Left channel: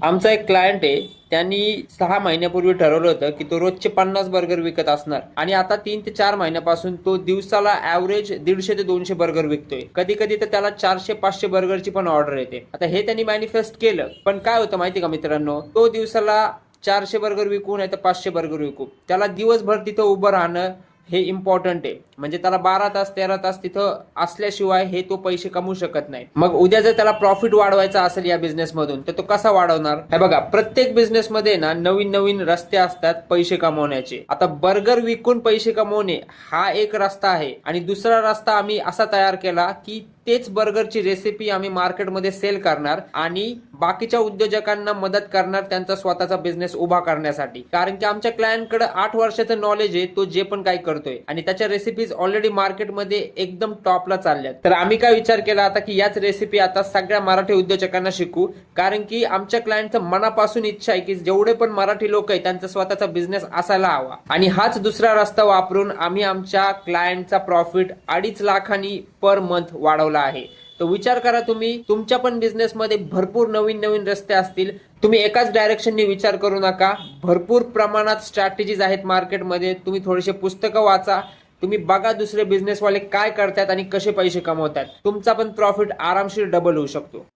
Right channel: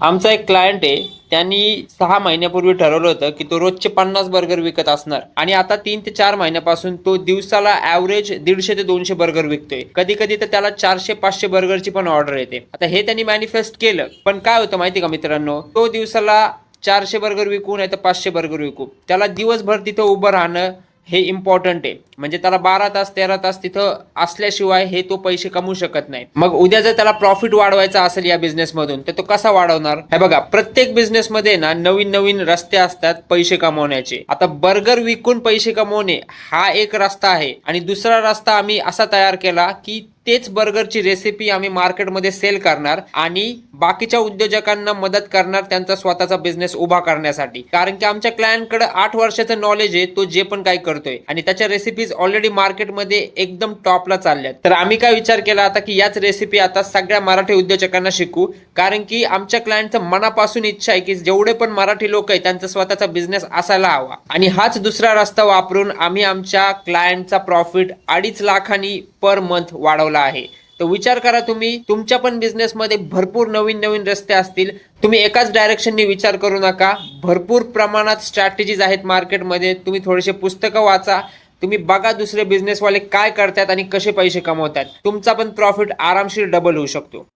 आमचा एक क्लायंट आहे, त्यांनी 6 महिन्यापूर्वी ठरवलं होतं की तो रोजचे 50 बर्गर विकत असणार आणि आता 3 ते 4 महिन्यापासून तो दिवसाला ऍव्हरेज 150 ते 200 बर्गर विकतोय. कधी कधी तर त्याला 400-500 बर्गरची पण ऑर्डर येते. आता हे त्यांनी मॅनिफेस्ट केलं, पण काय होतं माहिती का मित्रांनो, तो दिवसाला 400 बर्गर विकू नाही तर 500 बर्गर विकू, त्याला दिवसभर तिथं उभं राहणं हे इम्पॉर्टंट आहे. म्हणजे त्याला 12 तास 13 तास तिथं असल्याशिवाय हे तो पैसे कमवू शकत नाही. मग उद्या जर त्याला प्रॉफिट वाढवायचा असेल या बिझनेस मधून, तर तो कसा वाढवणार? हे बघा, प्रत्येक बिझनेस मध्ये ना नवीन नवीन रस्ते असतात पैसे कमवण्याचे. आता बर्गर विकून पैसे कमवणे हा एक रस्ता आहे आणि दुसरा रस्ता आम्ही असा तयार केला की तेच बर्गरची रेसिपी आम्ही मार्केटमध्ये सेल करणार आणि बाकीच्या उद्योजकांना मदत करणार त्यांचा स्वतःचा बिझनेस उभा करण्यासाठी. कारण की आमच्या क्लायंटकडे 8 वर्षाचं नॉलेज आहे, तो जे पण काय करतोय आणि त्याच्या रेसिपीज ऑलरेडी मार्केटमध्ये एकदम टॉपला चालल्यात. तर आम्ही काय विचार केला आता की याच रेसिपी आता सगळ्या मराठी उद्योजकांना शिकू. कारण की आमच्या क्लायंटचं मनापासून इच्छा आहे की जेवढे पण मराठी लोक आहेत त्यांचा स्वतःचा बिझनेस असायला हवा आणि हाच दुसरा रस्ता वापरून आम्ही आमच्या क्लायंटचा प्रॉफिट 2.5 लाखांनी पर मंथ वाढवला आहे. तर विचार करा, तुम्ही तुमच्या पण बिझनेसमध्ये भरपूर नवीन नवीन रस्ते असतील. तुम्ही एकाच डायरेक्शननी विचार करू नका. भरपूर प्रमाणात स्ट्रॅटेजीज आहेत मार्केटमध्ये. तुम्ही थोडेसे पुस्तकं वाचा, तुम्ही बघा दुसरे बिझनेसवाले काय करतात आणि कसे पैसे कमवतात. तुमचा पण प्रॉफिट आरामशीर डबल होऊ शकतो.